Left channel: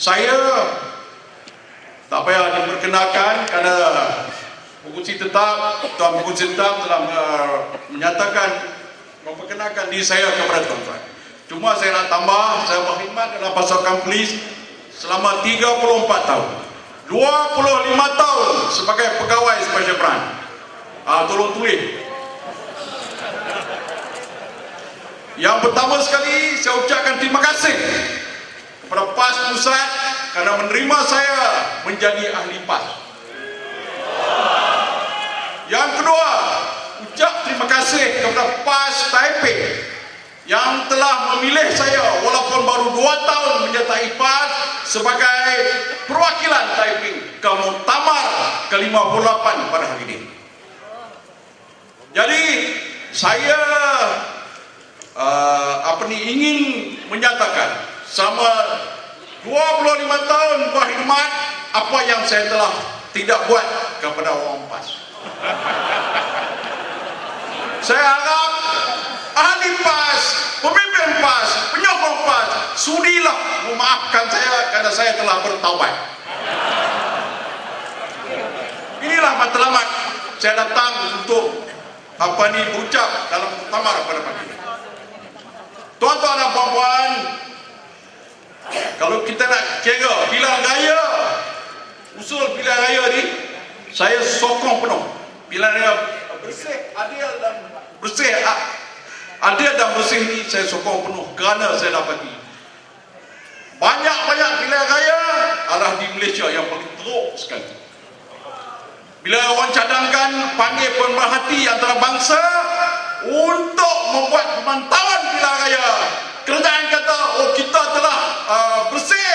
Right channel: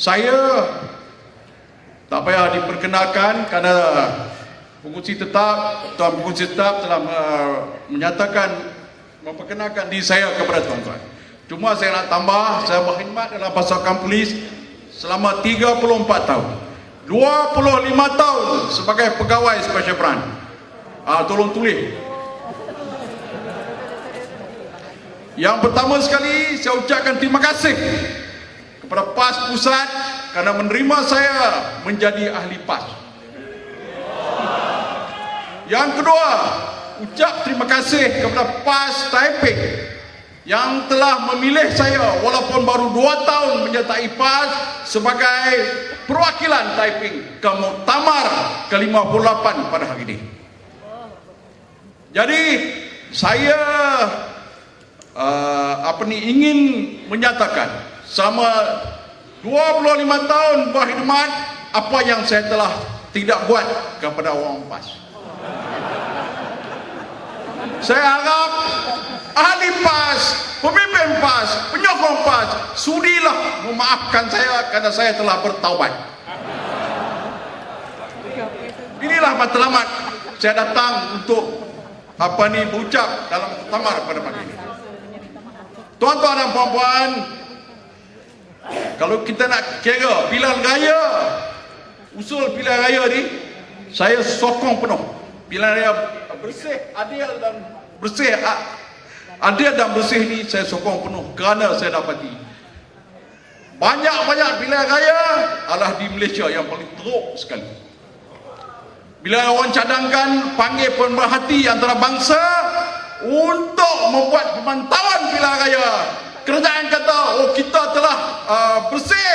Saya tak payah diperkenalkan kerana pengurusi tetap, Tuan Pengurusi tetap telah uh, menyatakan memperkenalkan diri saya kepada tuan-tuan. Cuma saya nak tambah, saya berkhidmat dalam pasukan polis selama 34 tahun. 25 tahun sebagai pegawai special branch. Ah, tolong tulis. Yang pertama sekali saya ucapkan terima kasih kepada PAS Pusat kerana menerima saya menjadi ahli PAS. Yang kedua, ucap terima kasih kepada PAS Taipei yang telah memilih saya walaupun baru dua tahun menyertai PAS sebagai perwakilan Taiping ke Muktamar ke-58 pada hari ini. Jadi saya uh, apa ni ingin menyatakan selama 25 tahun berkhidmat apa yang saya telah tidak buat kepada orang PAS. Saya harap ahli PAS, pemimpin PAS, penyokong PAS, sudilah memaafkan saya kerana saya telah bertaubat. Inilah matlamat saya datang untuk apa ni berucap dalam muktamar pada pagi. Tuan-tuan dan puan-puan, kalau kita nak kira pilihan raya, usul pilihan raya ni, saya sokong penuh. Pilihan raya bersih, adil dan bersih, adil dan bersih ni saya sokong penuh kerana saya dapati banyak-banyak pilihan raya adalah di Malaysia yang paling teruk sekali. Bila orang cadangkan panggil pemerhati antara bangsa untuk membuat pemantauan pilihan raya, kerajaan kata, oh kita telah uh, bersih.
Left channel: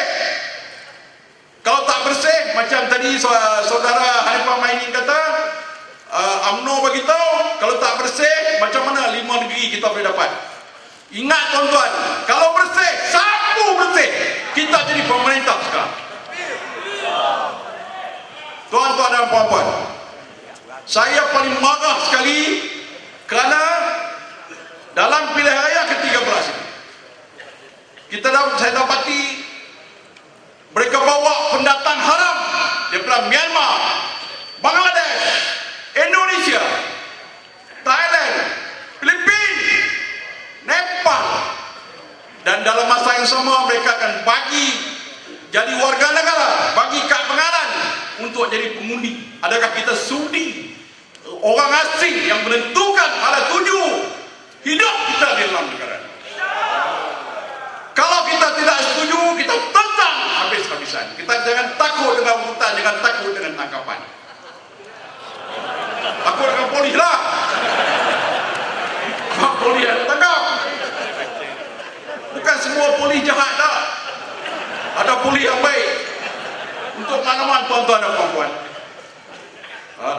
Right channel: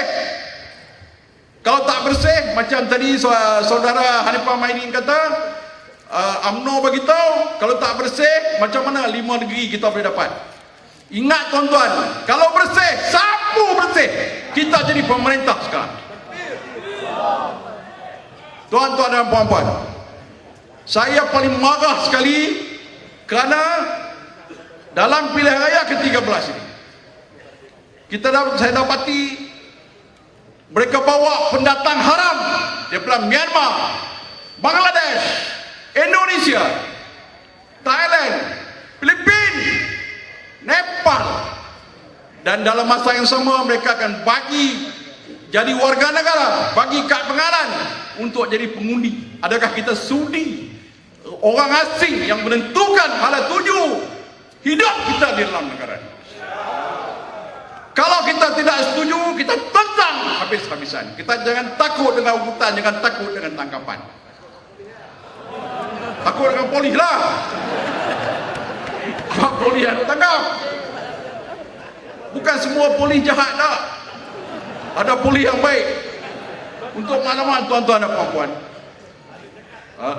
Kalau tak bersih, macam tadi saudara Hanifah Mainin kata, uh, UMNO bagi tahu, kalau tak bersih, macam mana lima negeri kita boleh dapat? Ingat tuan-tuan, kalau bersih, sapu bersih, kita jadi pemerintah sekarang. Tuan-tuan dan puan-puan, saya paling marah sekali kerana dalam pilihan raya ke-13 kita dapat saya dapati mereka bawa pendatang haram. Daripada Myanmar, Bangladesh, Indonesia, Thailand, Filipina, Nepal. Dan dalam masa yang sama mereka akan bagi jadi warga negara bagi kad pengalan untuk jadi pengundi. Adakah kita sudi orang asing yang menentukan pada tuju hidup kita di dalam negara kalau kita tidak setuju kita tentang habis-habisan kita jangan takut dengan hutan jangan takut dengan tangkapan. Takut dengan polis lah. Polis yang tangkap bukan semua polis jahat tak. Ada polis yang baik. Untuk makluman tuan-tuan dan puan-puan. Ha?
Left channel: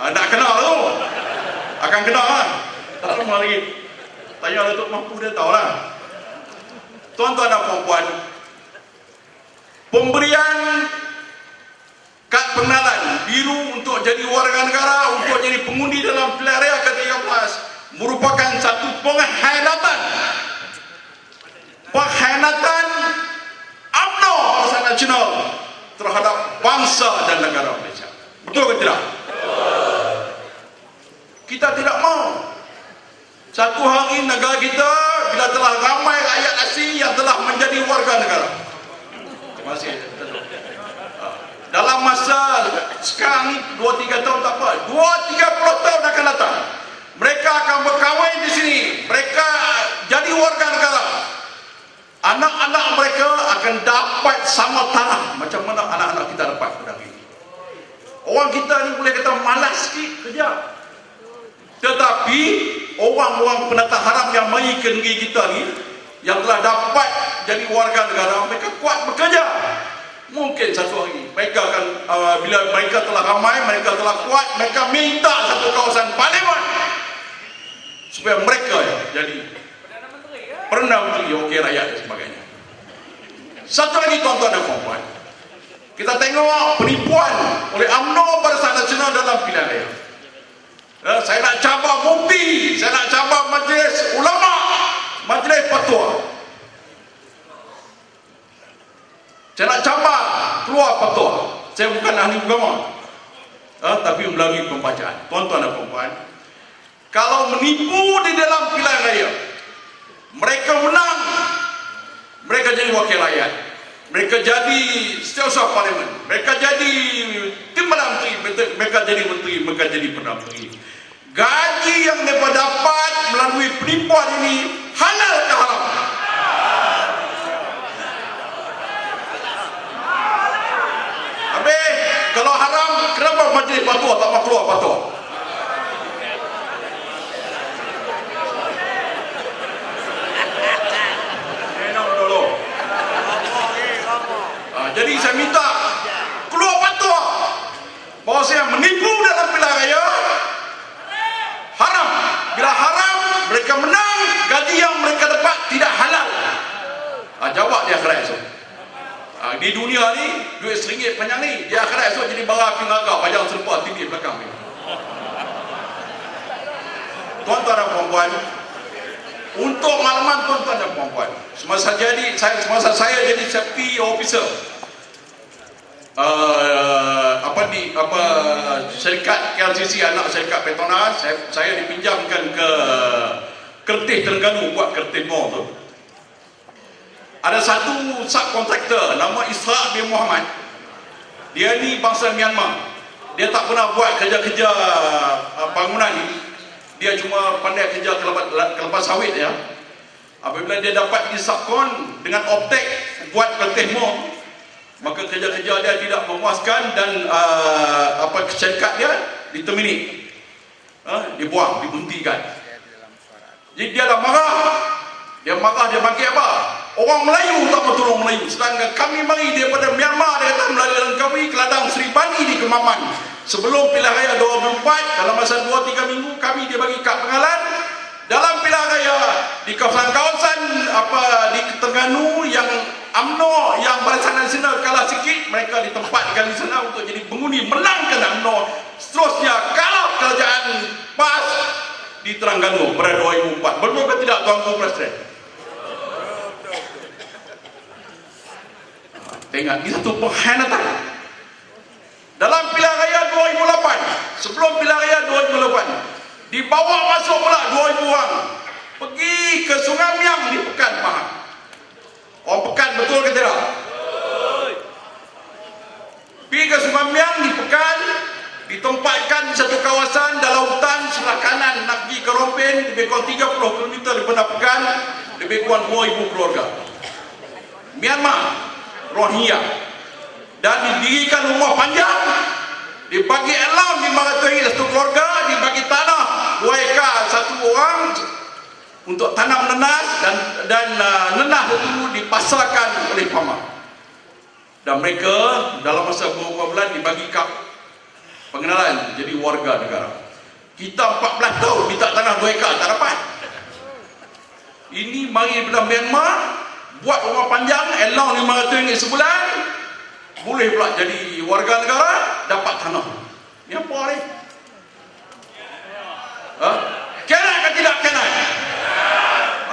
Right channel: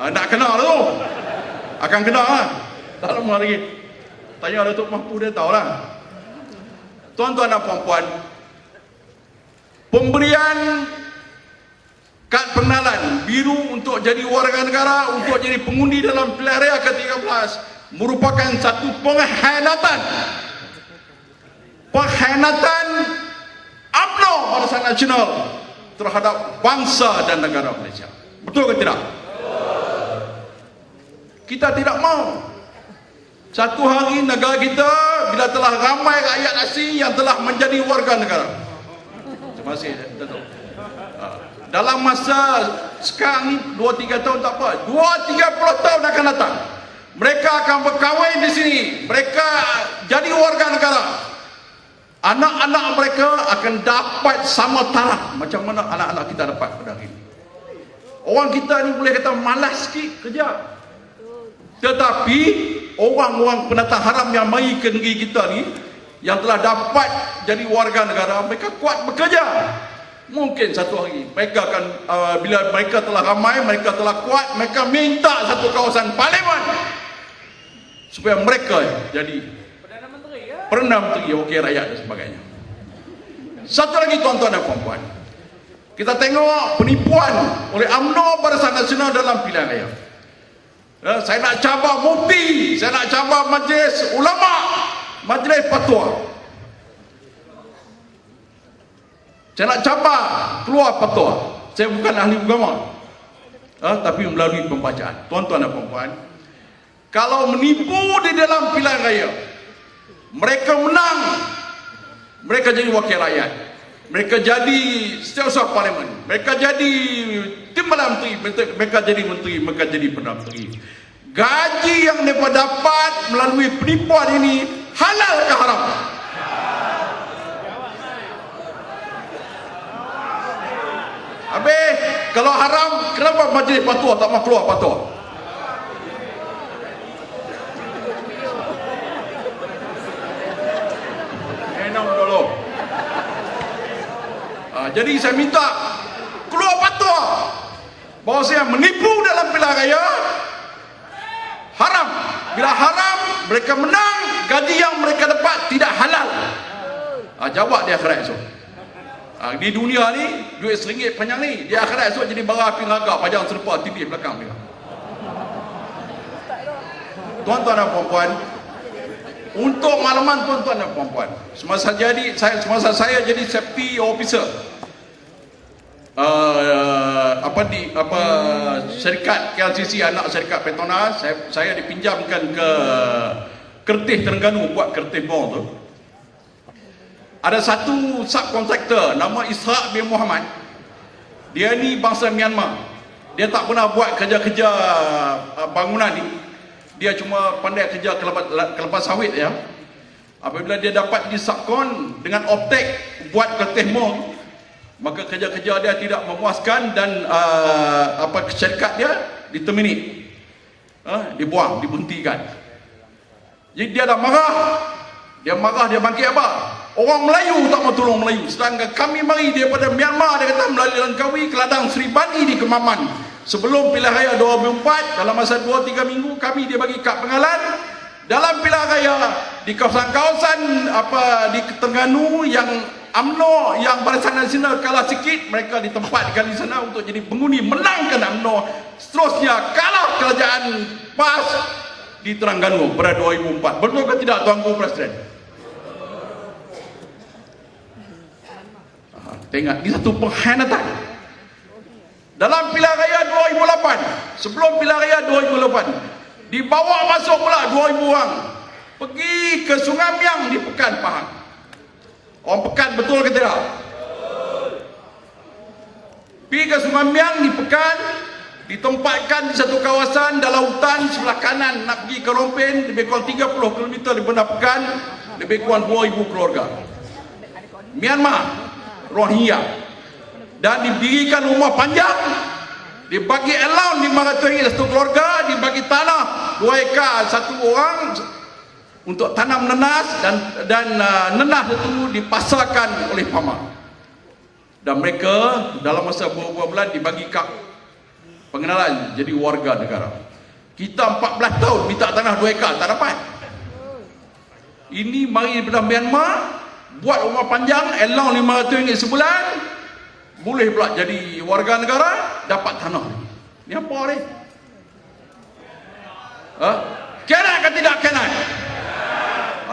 ha, tak kenal tu. Akan kenal kan? Tak lama lagi. Tanya Datuk Mampu dia tahu lah. Tuan-tuan dan puan-puan pemberian kad pengenalan biru untuk jadi warga negara untuk jadi pengundi dalam pilihan raya ke-13 merupakan satu pengkhianatan pengkhianatan UMNO Bangsa Nasional terhadap bangsa dan negara Malaysia. Betul ke tidak? Kita tidak mau satu hari negara kita bila telah ramai rakyat asing yang telah menjadi warga negara. Terima kasih. Dalam masa sekarang ni 2-3 tahun tak apa. 2-30 tahun akan datang. Mereka akan berkahwin di sini. Mereka jadi warga negara anak-anak mereka akan dapat sama taraf macam mana anak-anak kita dapat pada hari ini. Orang kita ni boleh kata malas sikit kerja. Tetapi orang-orang pendatang haram yang mari ke negeri kita ni yang telah dapat jadi warga negara mereka kuat bekerja. Mungkin satu hari mereka akan uh, bila mereka telah ramai, mereka telah kuat, mereka minta satu kawasan parlimen supaya mereka jadi Perdana Menteri Wakil Rakyat dan sebagainya. Satu lagi tuan-tuan dan puan-puan. Kita tengok penipuan oleh UMNO Barisan Nasional dalam pilihan raya. Ya, saya nak cabar mufti, saya nak cabar majlis ulama, majlis fatwa. Saya nak cabar keluar fatwa. Saya bukan ahli agama. Uh, tapi melalui pembacaan. Tuan-tuan dan puan kalau menipu di dalam pilihan raya, mereka menang, mereka jadi wakil rakyat. Mereka jadi setiausaha parlimen. Mereka jadi timbalan menteri, mereka jadi menteri, mereka jadi perdana menteri. Gaji yang mereka dapat melalui penipuan ini halal atau haram? Habis, kalau haram, kenapa majlis patuah tak mau keluar patuah? Jadi saya minta keluar fatwa bahawa saya menipu dalam pilihan raya haram. Bila haram, mereka menang, gaji yang mereka dapat tidak halal. Ha, jawab di akhirat esok. Ha, di dunia ni, duit seringgit panjang ni. Di akhirat esok jadi bara api naga, panjang serupa tinggi belakang ni. Tuan-tuan dan puan-puan, untuk makluman tuan-tuan dan puan-puan, semasa jadi saya semasa saya jadi safety officer uh, apa di apa syarikat KLCC anak syarikat Petronas saya, saya dipinjamkan ke Kertih Terengganu buat kertih bom tu. Ada satu subkontraktor nama Ishak bin Muhammad. Dia ni bangsa Myanmar. Dia tak pernah buat kerja-kerja uh, bangunan ni. Dia cuma pandai kerja kelepas sawit ya. Apabila dia dapat di subkon dengan optek buat kertih bom maka kerja-kerja dia tidak memuaskan dan uh, apa syarikat dia diterminate. Uh, dibuang, dibuntikan jadi dia dah marah. Dia marah, dia bangkit apa? Orang Melayu tak mau tolong Melayu. Sedangkan kami mari daripada Myanmar dia kata melalui kami keladang Sri Bani di Kemaman. Sebelum pilihan raya 2004 dalam masa 2-3 minggu kami dia bagi kad pengalan dalam pilihan raya di kawasan-kawasan apa di Terengganu yang UMNO yang Barisan Nasional kalah sikit mereka ditempatkan di sana untuk jadi pengundi menangkan UMNO. Seterusnya kalah kerajaan PAS di Terengganu pada 2004 betul ke tidak Tuan Guru Presiden? Tengok ini satu pengkhianatan dalam pilihan raya 2008 sebelum pilihan raya 2008 dibawa masuk pula 2000 orang. Pergi ke Sungai Miang di Pekan Pahang Orang Pekan betul ke tidak? Pergi ke Sungai Miang di Pekan ditempatkan di satu kawasan dalam hutan sebelah kanan nak pergi ke Rompen lebih kurang 30 km daripada Pekan lebih kurang 2,000 keluarga Myanmar Rohingya dan didirikan rumah panjang dibagi alam 500 satu keluarga dibagi tanah 2 ekar satu orang untuk tanam nenas dan dan uh, nenah itu dipasarkan oleh pama. Dan mereka dalam masa beberapa bulan dibagi kap pengenalan jadi warga negara. Kita 14 tahun minta tanah 2 ekar tak dapat. Ini mari daripada Myanmar buat rumah panjang elang 500 ringgit sebulan boleh pula jadi warga negara dapat tanah. Ni apa ni? Ha? Kena ke tidak kena?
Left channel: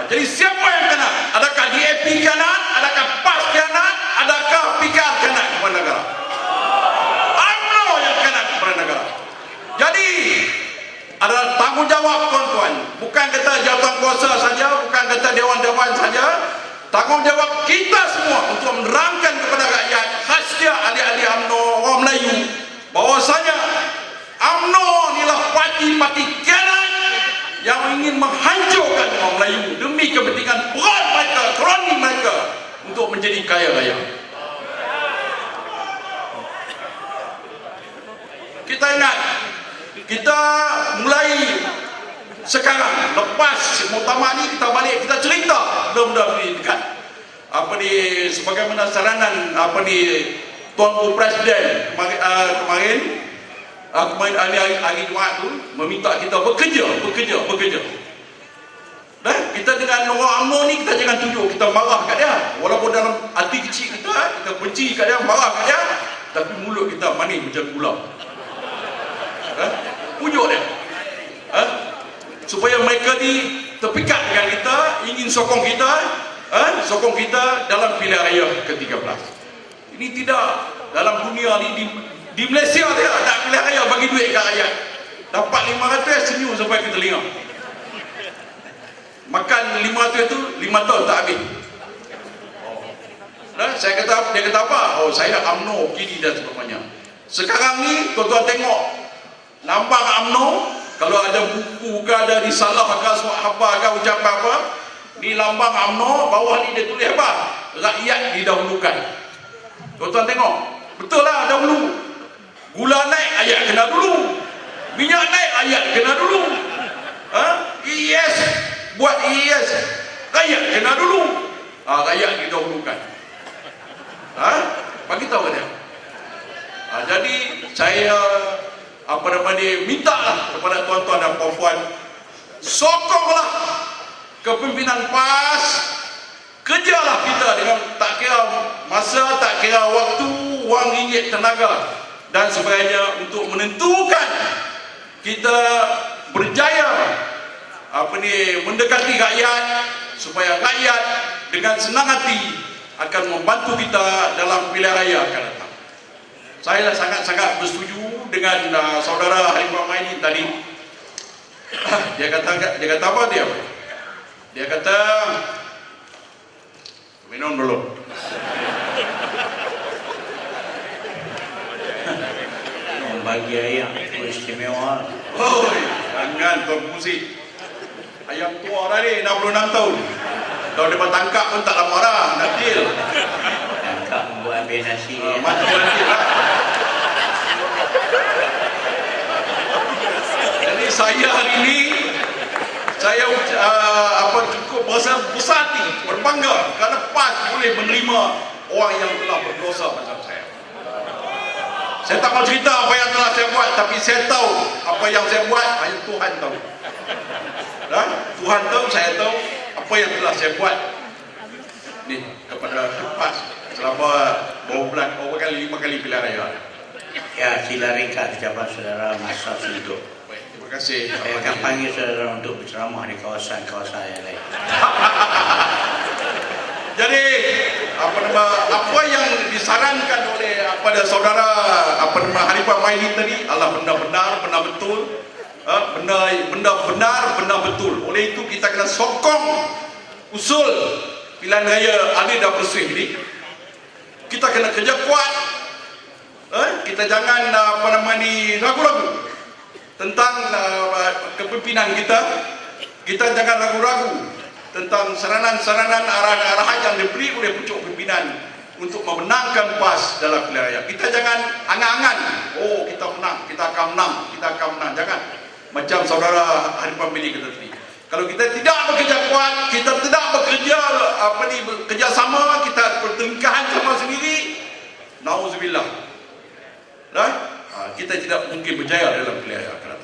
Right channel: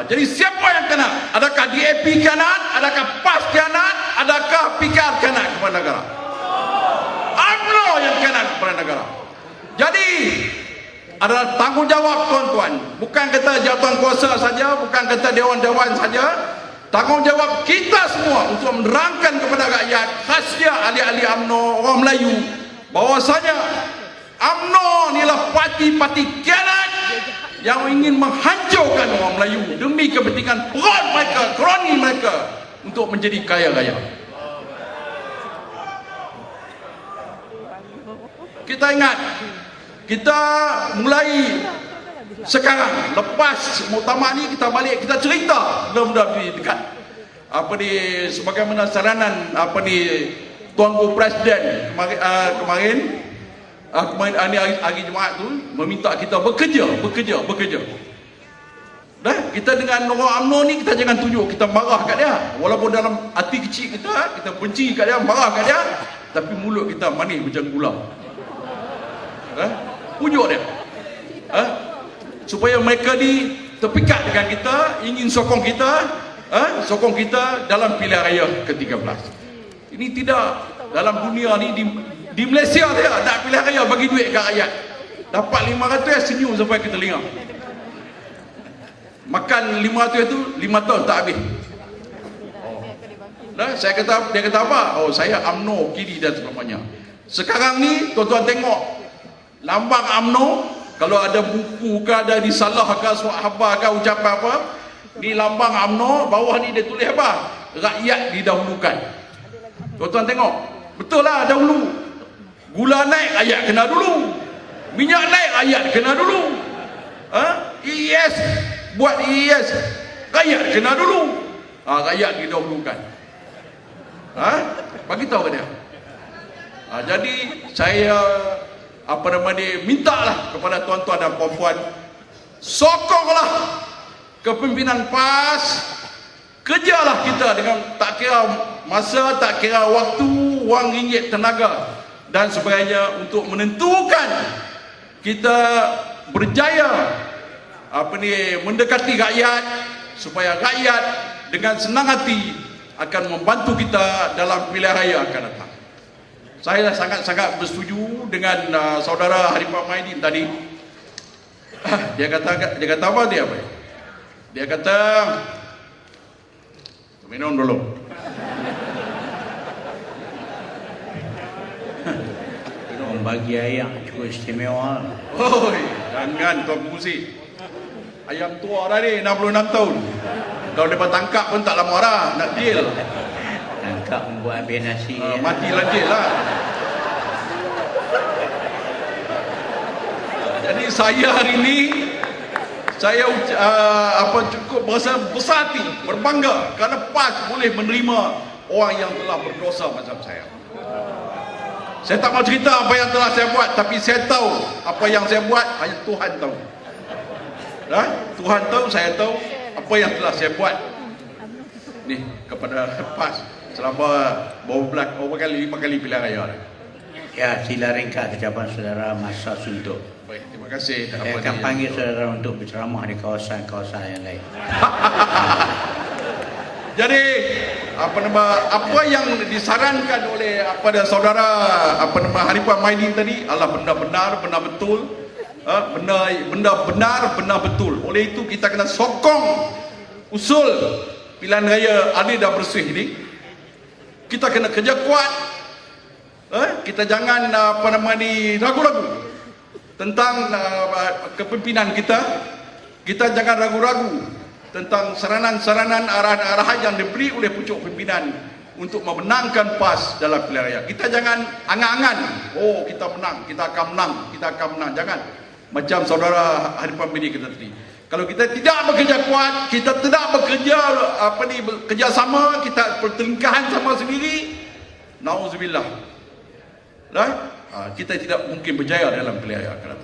Jadi siapa yang kena? Adakah DAP kena? Adakah PAS kena? Adakah PKR kena kepada negara? UMNO yang kena kepada negara. Jadi adalah tanggungjawab tuan-tuan. Bukan kata jawatan kuasa saja, bukan kata dewan-dewan saja. Tanggungjawab kita semua untuk menerangkan kepada rakyat khasnya ahli-ahli UMNO orang Melayu bahawasanya UMNO inilah parti-parti kena yang ingin menghancurkan orang Melayu demi kepentingan perut mereka, kroni mereka untuk menjadi kaya raya. Kita ingat, kita sekarang lepas muktamar ni kita balik kita cerita mudah-mudahan ni dekat apa ni sebagaimana saranan apa ni Tuan Guru Presiden kemarin, uh, kemarin uh, hari, hari, hari Jumat tu meminta kita bekerja, bekerja, bekerja. Dah, kita dengan orang UMNO ni kita jangan tunjuk kita marah kat dia. Walaupun dalam hati kecil kita, kita benci kat dia, marah kat dia, tapi mulut kita manis macam gula. Dah, pujuk dia. Supaya mereka ni terpikat dengan kita, ingin sokong kita, ha? sokong kita dalam pilihan raya ke-13. Ini tidak dalam dunia ni di, di Malaysia dia nak pilihan raya bagi duit kat rakyat. Dapat 500 senyum sampai kita telinga. Makan 500 tu 5 tahun tak habis. Dan saya kata dia kata apa? Oh saya UMNO kiri dan sebagainya. Sekarang ni tuan-tuan tengok lambang UMNO kalau ada buku ke ada disalah ke sahabat ke ucapan apa ni lambang UMNO bawah ni dia tulis apa? Rakyat didahulukan. Tuan-tuan tengok. Betul lah dahulu. Gula naik ayat kena dulu. Minyak naik ayat kena dulu. Ha? IES buat IES rakyat kena dulu. Ha, rakyat didahulukan. Ha? Bagi tahu dia. Ha, jadi saya apa nama dia minta lah kepada tuan-tuan dan puan-puan sokonglah kepimpinan PAS kerjalah kita dengan tak kira masa tak kira waktu wang ringgit tenaga dan sebagainya untuk menentukan kita berjaya apa ni mendekati rakyat supaya rakyat dengan senang hati akan membantu kita dalam pilihan raya akan datang. Saya sangat-sangat bersetuju dengan uh, saudara Harimau Maidin tadi. dia kata dia kata apa dia? Dia kata minum dulu. bagi ayam itu istimewa Oh, jangan tuan musik. Ayam tua dah ni 66 tahun. Kalau dia tangkap pun tak lama dah nak deal. tak membuat ambil nasi Uh, mati dah deal lah. Jadi saya hari ini saya uh, apa cukup berasa besar berbangga kerana PAS boleh menerima orang yang telah berdosa macam saya. Saya tak mau cerita apa yang telah saya buat tapi saya tahu apa yang saya buat hanya Tuhan tahu. Ya? Tuhan tahu, saya tahu apa yang telah saya buat ni kepada PAS selama berapa bulan, berapa kali, lima kali pilihan raya. ya sila ringkas ucapan saudara masa Baik, terima kasih. saya akan panggil saudara untuk berceramah di kawasan-kawasan yang lain Jadi apa nama apa yang disarankan oleh pada saudara apa nama Harifah Maidin tadi adalah benda benar, benda betul. Ha, benda benda benar, benda betul. Oleh itu kita kena sokong usul pilihan raya Ali dah bersih ni. Kita kena kerja kuat. Ha, kita jangan apa nama ni ragu-ragu tentang uh, kepimpinan kita. Kita jangan ragu-ragu tentang saranan-saranan arahan-arahan yang diberi oleh pucuk pimpinan untuk memenangkan PAS dalam pilihan raya. Kita jangan angan-angan, oh kita menang, kita akan menang, kita akan menang. Jangan. Macam saudara Harifan Bini kena tadi. Kalau kita tidak bekerja kuat, kita tidak bekerja apa ni bekerja sama, kita pertelingkahan sama sendiri, nauzubillah. Dan ha, kita tidak mungkin berjaya dalam pilihan akan.